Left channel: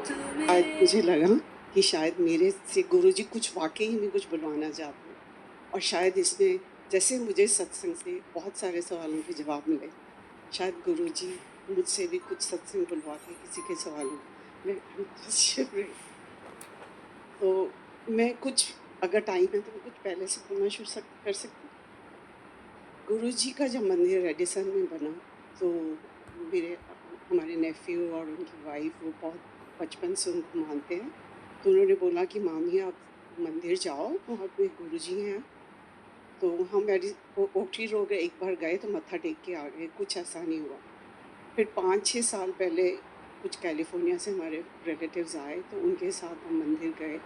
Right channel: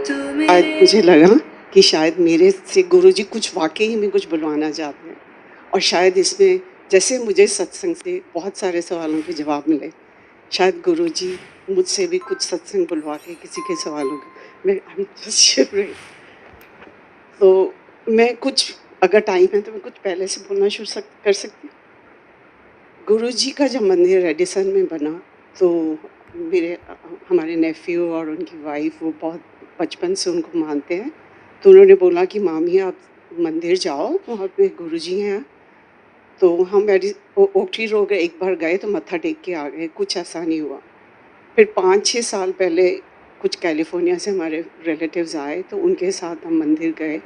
आज मुझे लगा कि शायद मेरे से गुरुजी कुछ वाक़ई में कुछ बुलवाना चाहते हैं और शायद इसमें जैसे मुझे सत्संग से बहुत सारे सवालों के जवाब मिले, शायद गुरुजी मुझसे भी कुछ सत्संग बुलवा के किसी के सवालों का मैं आई एम जस्ट शिवरिंग। तो मैं कुछ अगर टाइम है तो मैं कुछ पहले से बोलना शुरू कर सकती हूँ? गुरुजी का जब मंदिर रेडिसन में बना तो मेरे हमारे नेफ्यू और उनकी वाइफ वो बहुत बचपन से उनको मानते हैं। तो उन्होंने बोला कि मामी आप मंदिर जाओ, वहाँ पे गुरुजी हैं। तो हम ओक ट्री रोड एक बार गए तो मत्था टेक के आ गए, कुछ ऐसा नहीं हुआ। फिर 5-6 साल पहले कुछ कैलिफ़ोर्निया से हमारे रिलेटिव्स आए तो उनके साथ हम मंदिर गए।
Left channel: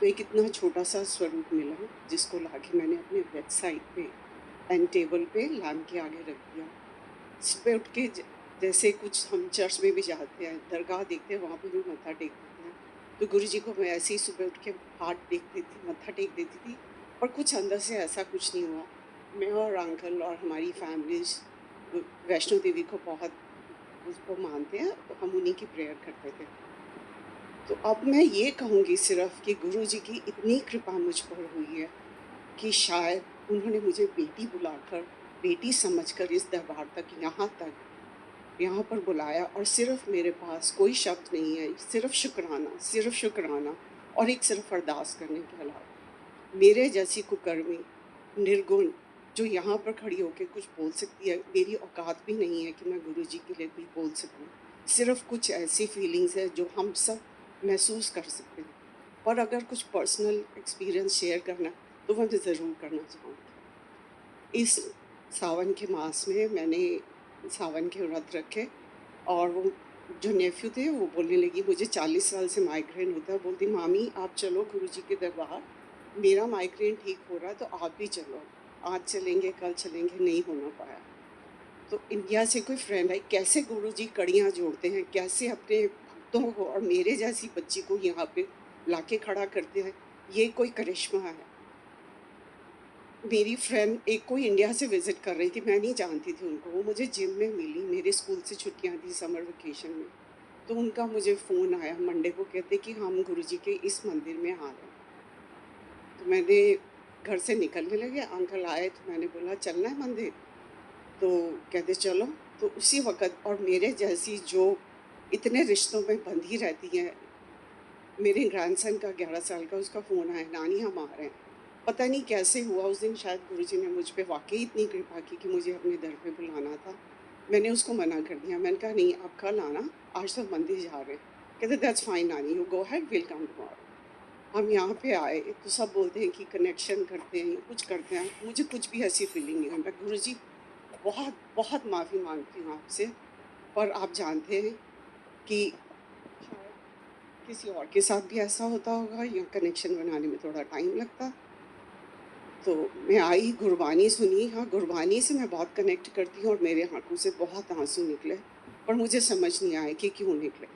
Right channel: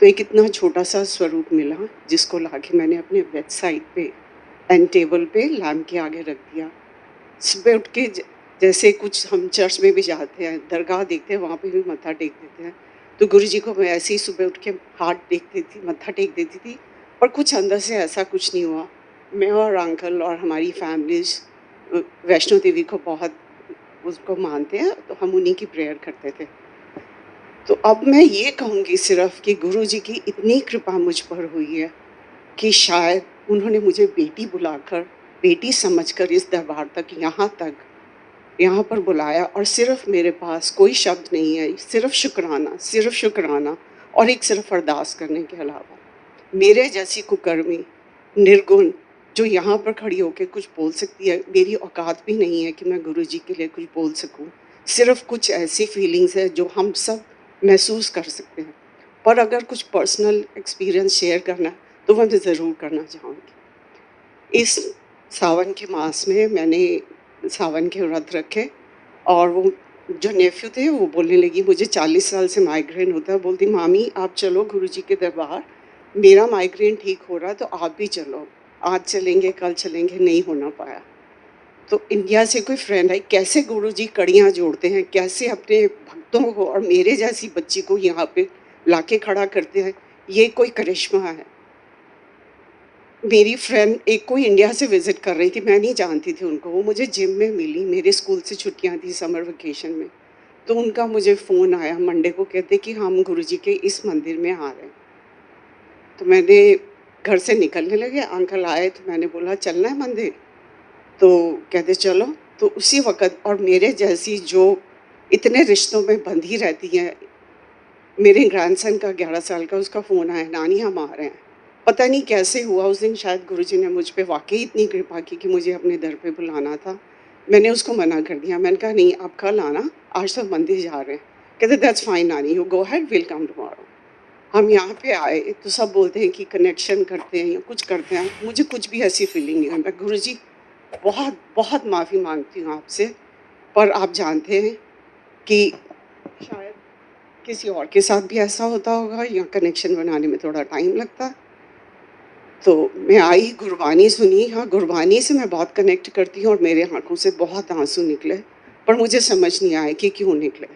तो एक इतना छोटा-सा स्वरूप मिला जिसको लाके मैंने अपने बेड साइड पे एंड टेबल पे लैम्प के आगे रख दिया। सुबह उठ के जैसे कुछ हम चर्च में भी जाते हैं, दरगाह देखते हैं, वहाँ पे भी मत्था टेक देते हैं। तो गुरुजी को मैं ऐसे ही सुबह उठ के हाथ टेक देती मत्था टेक देती थी, पर कुछ अंदर से ऐसा कुछ नहीं हुआ। मैं और अंकल और हमारी फैमिलीज़ वैष्णो देवी को बहुत उसको मानते हैं, तो हम उन्हीं की प्रेयर करते थे। तो अब मैं ये कहूँगी सिर्फ़ कि गुरुजी की इतनी कृपा मुझ पर हुई है कि शायद उन्होंने मुझे बेटी बुलाकर, बेटी समझकर इस दरबार तक, यहाँ पर बुलाया और सिर्फ़ मेरे पास कोई शब्द नहीं है, सिर्फ़ शुकराना और एक सिर्फ़ अरदास करने के अलावा। मेरे जैसी कुकर्मी, निर्गुण जो यहाँ पर खड़ी होके कुछ बोल सकती है, मेरी औकात भी नहीं है कि मैं गुरुजी के लिए कुछ बोल सकूँ। सिर्फ़ कुछ ऐसी फीलिंग्स है जो हम सब महसूस कर सकते हैं। पर अगर कुछ पर्सनल एक्सपीरियंस शेयर करना है, तो मैं ज़रूर करना चाहूँगी। इस सावन के मास में मैंने सावन के व्रत रखे और वो जो नेफ्यू थे वो बोलने लगी मुझे 40 साल से माइग्रेन होता है, बोलती मामी आप चलो गुरुजी के दरबार, मेरा माइग्रेन ठीक हो रहा है तो आप भी चलो, आज चलेंगे कल चलेंगे, नहीं होना पाया। तो इंडिया से कोई फ्रेंड आई, कैसे गुरुजी कड़ियाँ जोड़ते हैं, कैसे अपने भक्तों को और मेरे जैसी बच्ची को यहाँ पे लाके खड़ा करते हैं, ये कोई करिश्मा है। मेरी फ्रेंड एक कोई इंडिया से विज़िट कर रही थी, मैं नहीं जानती थी उनको, वो मुझे जिम में मिली, मेरे स्कूल से छुट्टियाँ थी समर वेकेशन में। तो उनका मुझे फ़ोन आया मंडे को, कहते कि हम गुरुजी के इस मंदिर में आ रहे हैं। तो मैंने घर से निकलने लगे, अंकल आए तो मैंने बोला चलना है मंदिर? तो कहते चलो। तो उसी वक़्त और मेरे जैसी जो इतने रिश्तों में बंधी रहती हैं, मेरे ग्रैंडसन का 11 साल का उसका फ़ोन आया, नानी हम आ रहे हैं। पता नहीं कैसे हुआ उस दिन, शायद गुरुजी ने मुझ पे वाक़ई इतनी कृपा की कि मुझे अपने दर पे बुलाना था। मैंने उसको मना कर दिया, मैंने कहा नहीं आप कल आना, आज तो मंदिर जा रहे हैं। कहते दैट्स फाइन नानी, you go ahead, will come tomorrow. हम यहाँ पे आए तो सब बोलते हैं कि कनेक्शन करते हैं या कुछ करते हैं, मुझे कुछ भी ऐसी फीलिंग नहीं है। मैं गुरुजी बहुत बहुत माफ़ी माँगती हूँ आपसे, पर आप जानते हैं कि शायद किसी और के साथ भी ऐसा होता होगा या कनेक्शन बनाने में थोड़ा टाइम लगता। तो मैं आई, गुरबानी सुनी। हाँ, गुरबानी से मैं बहुत कनेक्ट करती हूँ और मेरे आँखों से बहुत आँसू निकले, पर मुझे समझ नहीं आया कि क्यों निकले।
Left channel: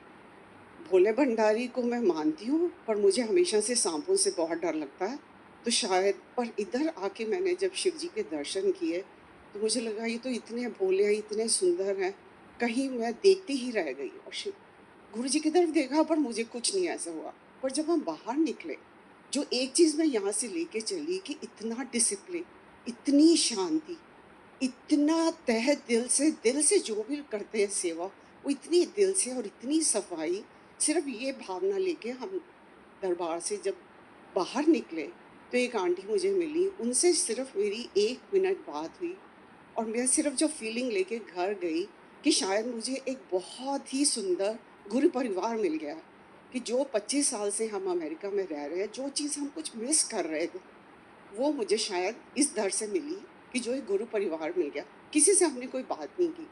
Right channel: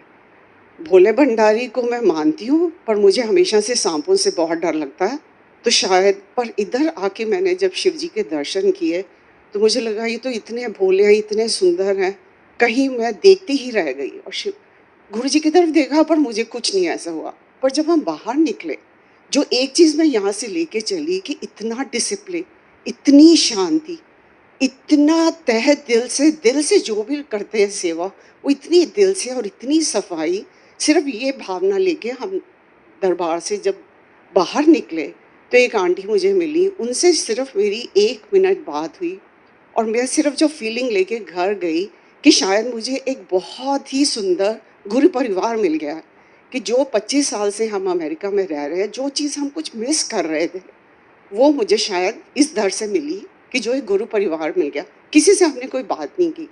भोले भंडारी को मैं मानती हूँ, पर मुझे हमेशा से साँपों से बहुत डर लगता है। तो शायद पर इधर आके मैंने जब शिव जी के दर्शन किए, तो मुझे लगा ये तो इतने भोले हैं, इतने सुंदर हैं, कहीं मैं देखती ही रह गई और शिव गुरुजी की तरफ देखा पर मुझे कुछ नहीं ऐसा हुआ। पर जब हम बाहर निकले, जो एक चीज़ मैं यहाँ से लेके चली कि इतना डिसिप्लिन, इतनी शांति, इतना तहे दिल से जो भी करते हैं सेवा, वो इतनी दिल से और इतनी सफाई, सिर्फ़ ये भावना लेके हम दरबार से जब बाहर निकले, तो एक आंटी मुझे मिली, उनसे सिर्फ़ मेरी 1 मिनट बात हुई और मैं सिर्फ़ जो फ़ीलिंग लेके घर गई कि शायद मुझे एक बहुत ही सुंदर गुरु परिवार मिल गया है, कि जो 25 साल से हम अमेरिका में रह रहे हैं, जो चीज़ हम कुछ मिस कर रहे थे, वो मुझे शायद इस दर से मिली कि जो एक गुरु परिवार मिल गया। किसी से हमने कोई बात नहीं की।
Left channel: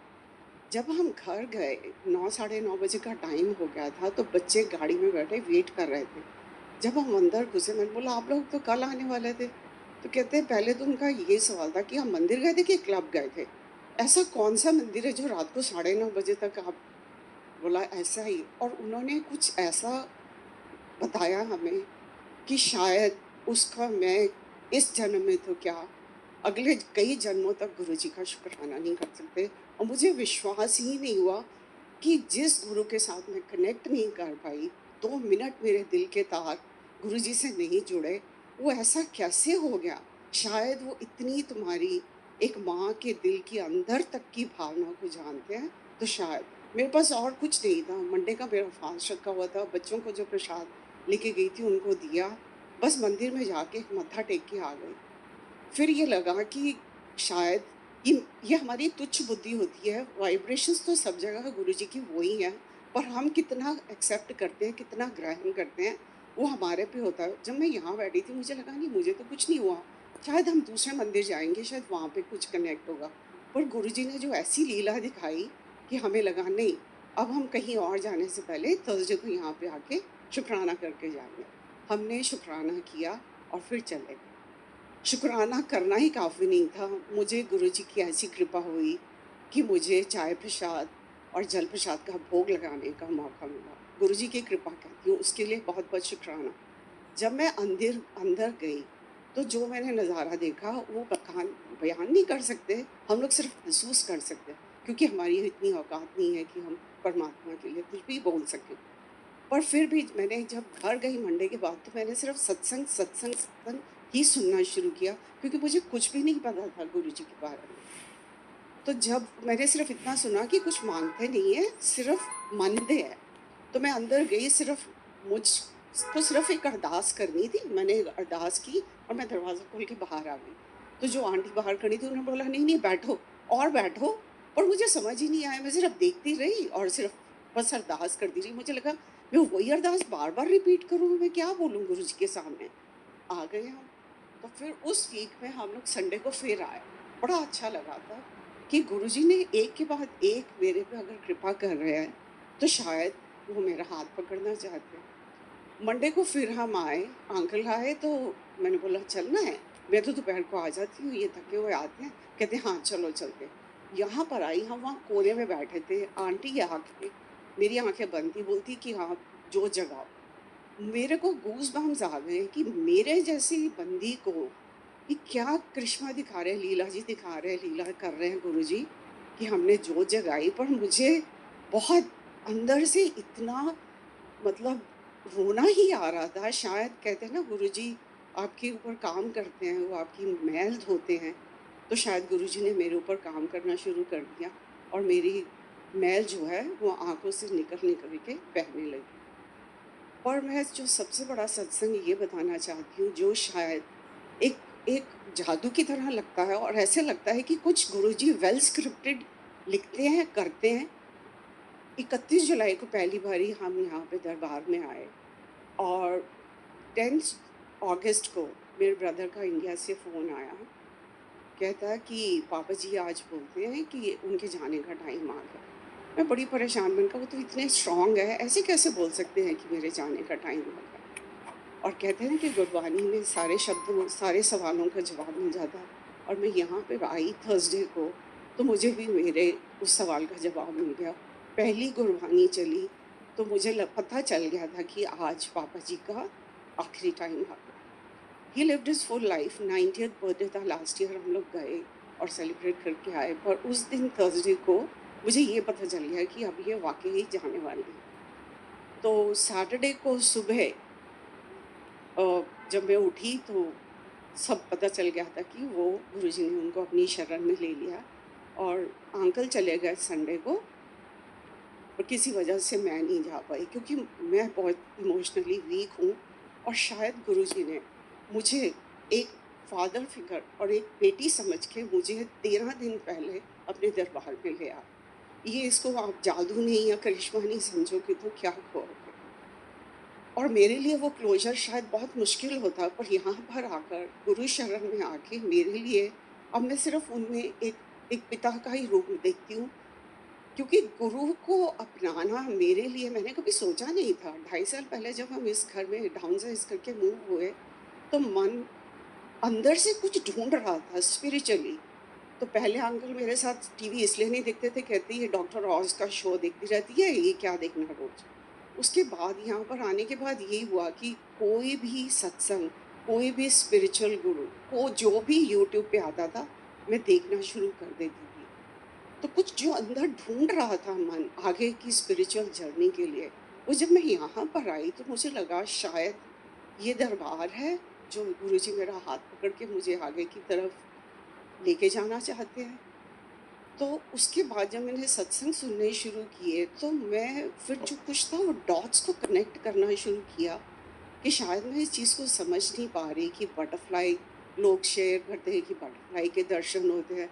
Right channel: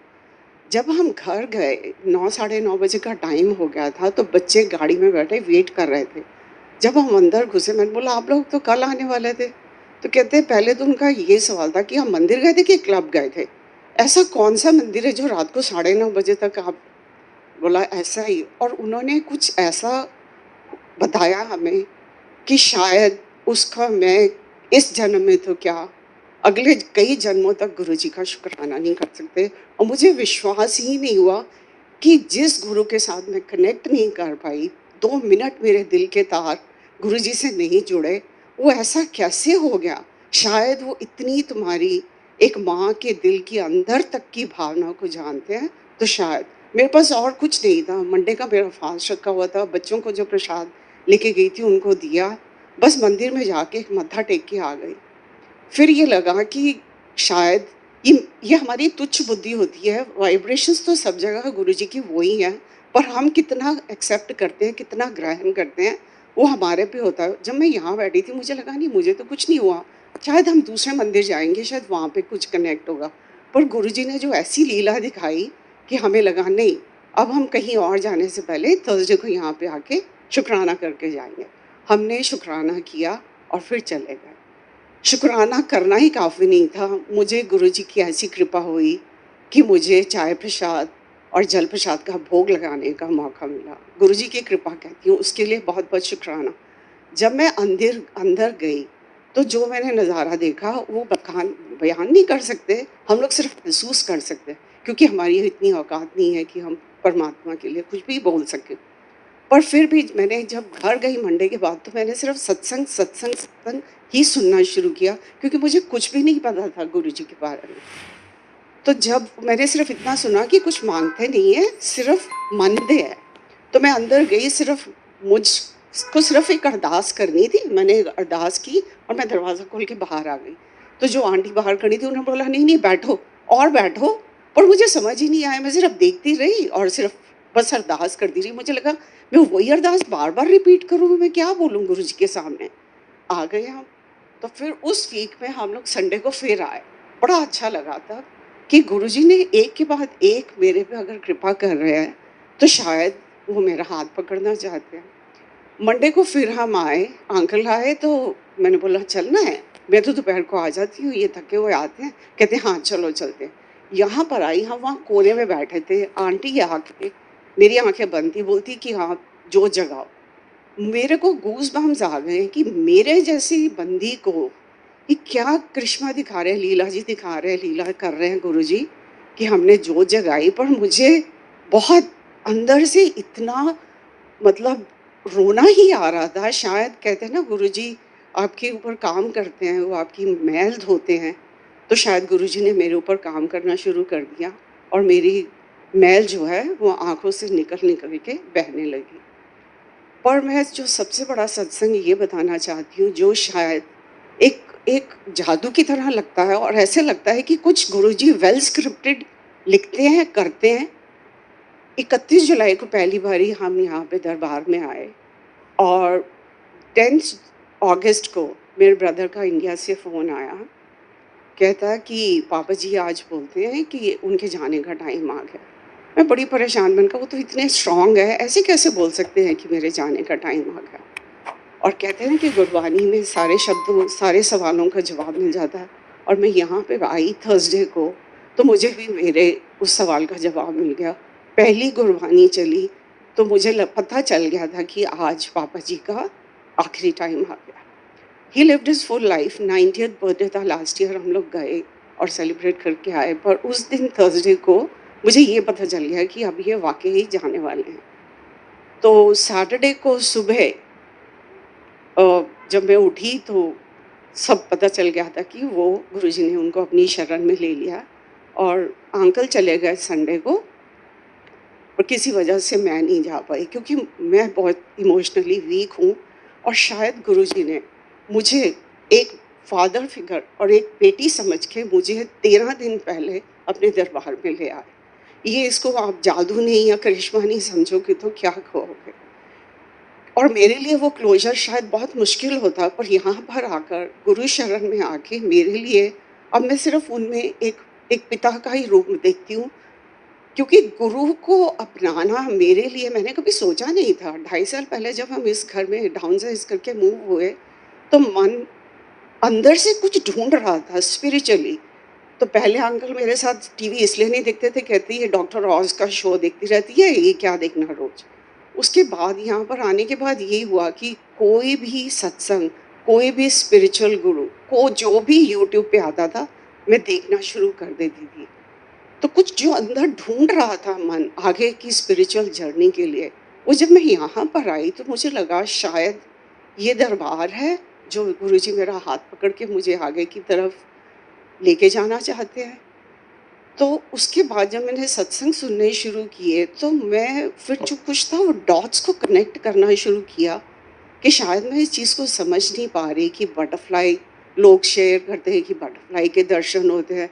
जब हम घर गए, 9 साढ़े 9 बजे का टाइम हो गया था, तो बच्चे गाड़ी में बैठे वेट कर रहे थे। जब हम अंदर घुसे, मैंने बोला आप लोग तो कल आने वाले थे। तो कहते हैं पहले तो उनका ये सवाल था कि हम मंदिर गए थे कि क्लब गए थे? ऐसा कौन-सा मंदिर है जो रात को साढ़े 9 बजे तक आप बोला ऐसा ही। और उन्होंने कुछ ऐसा बताया हमें कि शायद उसका मैं इस जन्म में तो क्या, अगले कई जन्मों तक गुरुजी का शुक्राना नहीं कर सकते। और मुझे विश्वास ही नहीं हुआ कि जिस गुरु के साथ मैं कनेक्ट नहीं कर पाई, 2 मिनट मेरे दिल के तार गुरुजी से नहीं जुड़े, वो ऐसा कैसे हो गया? शायद वो इतनी तुम्हारी एक माँ के दिल की अंदर तक की भावना को जानते हैं, तो शायद। मेरे पास और कुछ नहीं था, मंडे का मेरा फास्ट रखा हुआ था, बच्चों को जो प्रसाद लेके गई थी उनको दिया, बस मंदिर में जाके मत्था टेक के आ गई। फिर ये लगा कि शायद ये हमारी तुच्छ बुद्धि होती है, वाइब्रेशंस तो सब जगह गुरुजी की वो ही हैं, पर हम कितना एक्सेप्ट करते हैं, कितना ग्रहण करते हैं, वो हमारे पे होता है। जब मैं यहाँ बैठी थी मुझे लगा नहीं मुझे तो कुछ नहीं हुआ, शायद हम दूसरे मंदिर जाएँगे, शायद वहाँ पे कुछ कनेक्ट होगा। पर गुरुजी ने जो ऐसी लीला दिखाई कि हमें लगा नहीं, अब हम कहीं और जाने से पहले थर्सडे को यहाँ पे आके शुक्राना करके जाएँगे। हमने शुक्राना किया और फिर चले गए। शुक्राना करना ही काफ़ी नहीं था, मुझे गुरुजी की ऐसी कृपा हुई कि मुझे चाय प्रसाद और जल प्रसाद का भोग लगाने का मौका मिला। गुरुजी की कृपा कहती हूँ, उसके लिए बहुत-बहुत शुक्राना। जब मैं अंदिर अंदर गई, तो जो मैंने नज़ारा देखा वो बयान नहीं कर सकते, हम लोग सिर्फ़ महसूस कर सकते हैं, क्योंकि हमारी इतनी औकात नहीं है कि हम परमात्मा के लिए कुछ भी बोल सकें। पर फिर भी मैंने जब घर गई मंडे के बाद तो मैंने सिर्फ सत्संग, सत्संग, सत्संग ही सुनना शुरू किया, क्योंकि मुझे कुछ भी नहीं पता था गुरुजी के बारे में। तो जब मैंने सिर्फ इतना सुना कि कुछ माँगते नहीं हैं, सिर्फ मानते हैं। तो मैं अंदर गई, सिर्फ मुझको सिर्फ एक अरदास करनी थी। मैंने एक अरदास की और मैं दरवाज़ा खोल के बाहर आ गई। तो जो आंटी बाहर खड़ी थी उन्होंने बोला, "नहीं, नहीं बैठो और बैठो।" पर मुझे समझ ही नहीं आया, मैं सिर्फ देखती रही और सिर्फ बस अरदास करती रही। मुझे लगा मैं वही अरदास बार-बार रिपीट करूँ, मैं क्या बोलूँ गुरुजी के सामने? आ गए हम। तो फिर उस वीक में हम लोग संडे को फिर आए। बड़ा अच्छा लगा तब कि गुरुजी ने एक के बाद एक मेरे पे अगर कृपा कर रहे हैं, तो शायद वो मेरा हाथ पकड़ना चाहते हैं। मंडे को फिर हम आए, अंकल आए तो मैंने बोला चलना है? मैं तो दोपहर को आ जाती हूँ, ये थके हुए आते हैं। कहते हैं हाँ, चलो चलते हैं। यहाँ पर आई, हम वहाँ कोने में बैठे थे, आंटी आके मेरी आँखें बंद थी, बोलती कि हाँ, जोत जगाओ। मेरे को गूज़बम्प्स आ गए कि मेरे जैसी बंदी को ये क्या करिश्मा दिखा रहे हैं, लीला जी दिखा रहे हैं, लीला कर रहे हैं गुरुजी कि हमने जोत जगाई। पर मुझे बहुत अंदर से इतना मतलब रोना ही आ रहा था। शायद कहते हैं ना गुरुजी आपके ऊपर काम करते हैं, वो आपकी मैल धोते हैं। तो शायद गुरुजी ने मेरे ऊपर काम करना शुरू कर दिया और मेरी मैल जो है वो आँखों से निकल-निकल के बहने लगी। पर मैं जो सबसे बड़ा सत्संग ये बताना चाहती हूँ, जो शायद एक एक जादू की तरह लगता है और ऐसे लगता है कि कुछ गुरुजी वेल स्क्रिप्टेड लिखते हैं, करते हैं। 31 जुलाई को पहली बारी हम यहाँ पे दरबार में आए और 10th अगस्त को मेरे ब्रदर का इंडिया से फ़ोन आया। कहता है कि पापा जी आज बोलते हैं कि उनके जाने का टाइम आ गया। मैं बड़ी परेशान, मैंने कहा वो तो इतने स्ट्रॉन्ग है, ऐसे कैसे बोल सकते हैं कि मेरे जाने का टाइम आ गया? और कहते हैं ना कि गुरबानी में सारे शब्दों, सारे सवालों का जवाब मिल जाता है। और मैं यहाँ पे आई थर्सडे को, तो मुझे भी मेरे उस सवाल का जवाब मिल गया। पहली गुरबानी चली, तो मुझे पता चल गया था कि आज पापा जी का आखिरी टाइम आ गया। ही lived his full life, 90th birthday था लास्ट ईयर, हम लोग गए और सेलिब्रेट करके आए। पर उस दिन थर्सडे को मुझे ये पता चल गया कि अब ये वाकई ही जाने वाले हैं। तो सैटरडे को सुबह जब मैं उठी तो सब पता चल गया था कि वो गुरुजी ने उनको अपनी शरण में ले लिया और अंकल चले गए संडे को। और किसी वजह से मैं नहीं जा पाई, क्योंकि मैं बहुत इमोशनली वीक हूँ और शायद गुरुजी ने मुझे एक फादर फिगर और एक बेटी समझ के मुझे 13 दिन पहले अपने दरबार में ले आए। ये इसको आप जादू नहीं या करिश्मा नहीं समझोगे तो क्या कहोगे? और मेरे लिए वो क्लोज़र शायद बहुत मुश्किल होता, पर यहाँ पर आकर गुरु शरण में आके मेरे लिए अब मैं सिर्फ़ उनमें एक एक पिता का ही रूप देखती हूँ, क्योंकि गुरु को अपनाना मेरे लिए मैंने कभी सोचा नहीं था। 2.5 साल पहले जब हम इस घर में डाउनसाइज़ करके मूव हुए, तो मन अंदर से कुछ ढूँढ रहा था स्पिरिचुअली। तो पहले अंकल मेरे साथ टीवी इसलिए नहीं देखते थे, कहते ये डॉक्टर ऑज का शो देखती रहती है, ये क्या देखना रोज़। उसके बाद यहाँ पर आने के बाद यही हुआ कि कोई भी सत्संग, कोई भी स्पिरिचुअल गुरु को जो भी यूट्यूब पे आता था, मैं देखना शुरू कर देती थी। तो कुछ जो अंदर ढूँढ रहा था मन आगे की स्पिरिचुअल जर्नी के लिए, वो जब मैं यहाँ पर आई तो मुझे लगा शायद ये दरबार है, जो गुरुजी मेरा हाथ पकड़ के मुझे आगे की तरफ लेके जाना चाहते हैं। तो उसके बाद जब मैंने सत्संग सुनने शुरू किए, तो मैं फिर जो कुछ था वो डॉट्स को कनेक्ट करना शुरू किया कि शायद मैं इस चीज़ को समझ नहीं पा रही कि बटरफ्लाई, लोग शेयर करते हैं कि बटरफ्लाई के दर्शन होते हैं।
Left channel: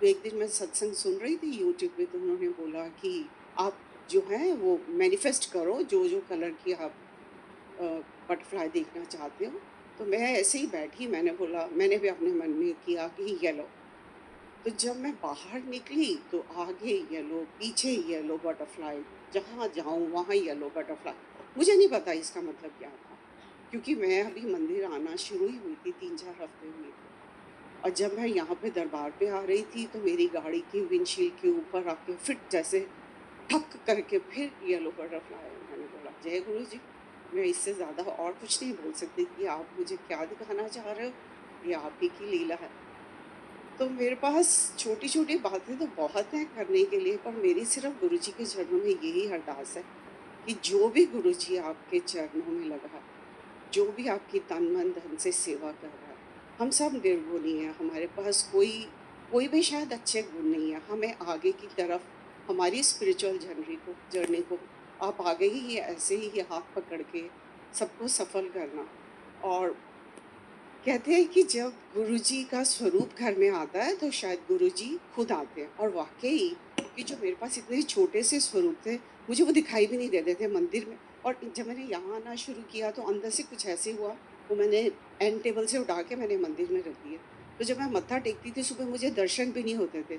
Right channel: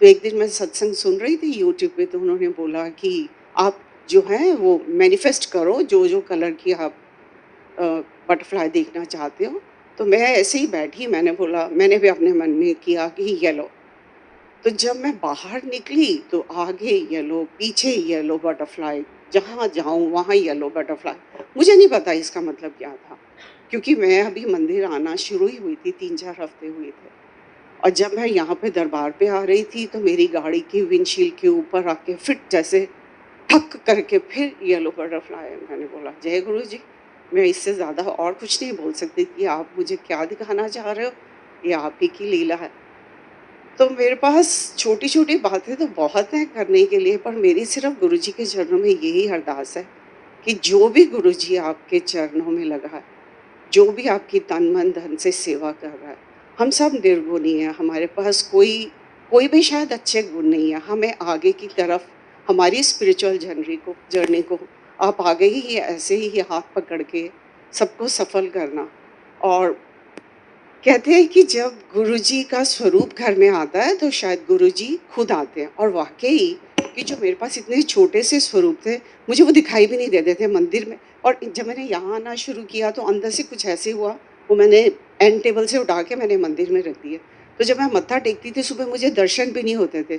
तो एक दिन मैं सत्संग सुन रही थी यूट्यूब पे, तो उन्होंने बोला कि आप जो हैं वो मैनिफेस्ट करो जो कलर की आप अ, बटरफ्लाई देखना चाहते हो। तो मैं ऐसे ही बैठी, मैंने बोला, मैंने भी अपने मन में किया कि येलो। तो जब मैं बाहर निकली तो आगे येलो, पीछे येलो बटरफ्लाई, जहाँ जाऊँ वहाँ येलो बटरफ्लाई। मुझे नहीं पता इसका मतलब क्या था, क्योंकि मैं अभी मंदिर आना शुरू ही हुई थी, 3-4 हफ्ते हुए थे। और जब मैं यहाँ पे दरबार पे आ रही थी तो मेरी गाड़ी की विंडशील्ड के ऊपर आके फिट जैसे ठक करके फिर येलो बटरफ्लाई। मैंने बोला जय गुरु जी, मैं इससे ज़्यादा और कुछ नहीं बोल सकती कि आप मुझे क्या दिखाना चाह रहे हो, ये आप ही की लीला है। तो मेरे पास छोटी-छोटी बातें तो बहुत हैं करने के लिए, पर मेरी सिर्फ़ गुरुजी के चरणों में यही अरदास है कि जो भी गुरुजी आपके चरणों में लगा है, जो भी आपकी तन, मन, धन से सेवा कर रहा है, हम सब निर्गुणी हैं, हमारे पास कोई कोई भी शायद अच्छे गुण नहीं है। हमें आगे की तरफ हमारी स्पिरिचुअल जर्नी को आप आगे ही ऐसे ही हाथ पकड़ के सबको सफल करना। और कहते हैं कि जब गुरुजी का स्वरूप घर में आता है तो शायद गुरुजी खुद आते हैं, और वाक़ई कि जो मेरे पास इतने छोटे से स्वरूप थे, मुझे वो दिखाई भी नहीं देते थे मंदिर में। और जब मैंने यहाँ आना शुरू किया तो अंदर से कुछ ऐसे हुआ, वो मैंने एंड टेबल से उठा के मैंने मंदिर में रख दिए। तो जब मैं मत्था टेकती थी सुबह, मुझे दर्शन भी नहीं होते थे।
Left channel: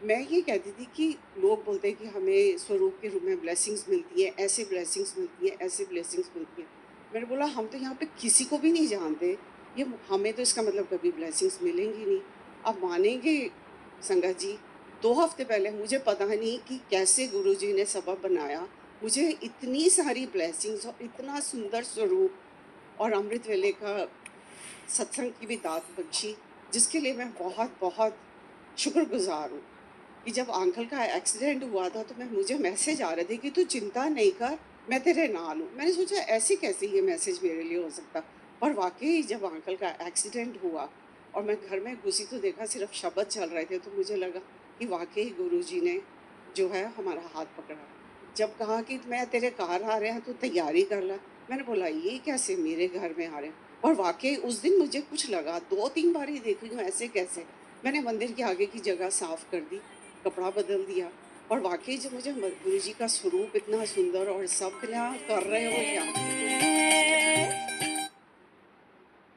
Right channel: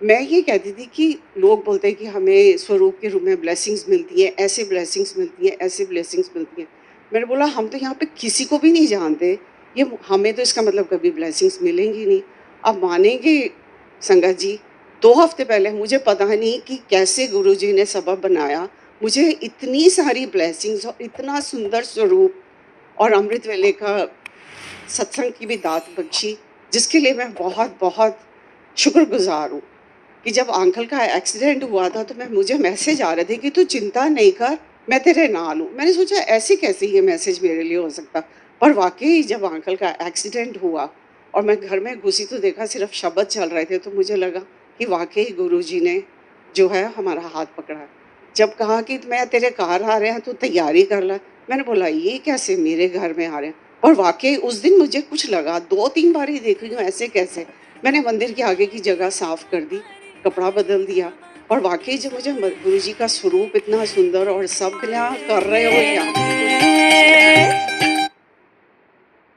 मैं ये कहती थी कि लोग बोलते हैं कि हमें स्वरूप के रूप में ब्लेसिंग्स मिलती हैं, ऐसे ब्लेसिंग्स मिलती हैं, ऐसे ब्लेसिंग्स मिलती हैं। मैंने बोला हम तो यहाँ पे किसी को भी नहीं जानते, ये हमें तो इसका मतलब कभी ब्लेसिंग्स मिलेंगी नहीं। आप मानेंगे संगत जी, 2 हफ्ते पहले मुझे पता नहीं कि कैसे गुरुजी ने सबब बनाया, मुझे इतनी सारी ब्लेसिंग्स और इतना सुंदर स्वरूप और अमृत वेले का सत्संग की भी दात बख्शी, जिसके लिए मैं बहुत-बहुत शुक्रगुज़ार हूँ। कि जब अंकल का एक्सीडेंट हुआ था तो मैं मुझे मैसेज आ रहे थे कि तू चिंता नहीं कर, मैं तेरे नाल हूँ। मैंने सोचा ऐसे कैसे ये मैसेज मेरे लिए हो सकता? पर वाक़ई जब अंकल का एक्सीडेंट हुआ और मैं घर में घुसी तो देखा सिर्फ़ शब्द चल रहे थे, तो मुझे लगा कि वाक़ई गुरुजी ने जो है हमारा हाथ पकड़ा है। जब कहा कि मैं तेरे घर आ रहे हैं, तू तैयारी कर ले। मैंने बोला ये कैसे मेरे घर में आ रहे हैं? और वाक़ई उस दिन मुझे कुछ लगा, 2-3 बार ही देख रही हूँ ऐसे कैसे? मैंने मंदिर के आगे की जगह साफ़ कर दी, कपड़ा बदल दिया, और वाक़ई जब मुझे गुरुजी का स्वरूप इतना सुंदर और सब क्या कर रहे हो क्या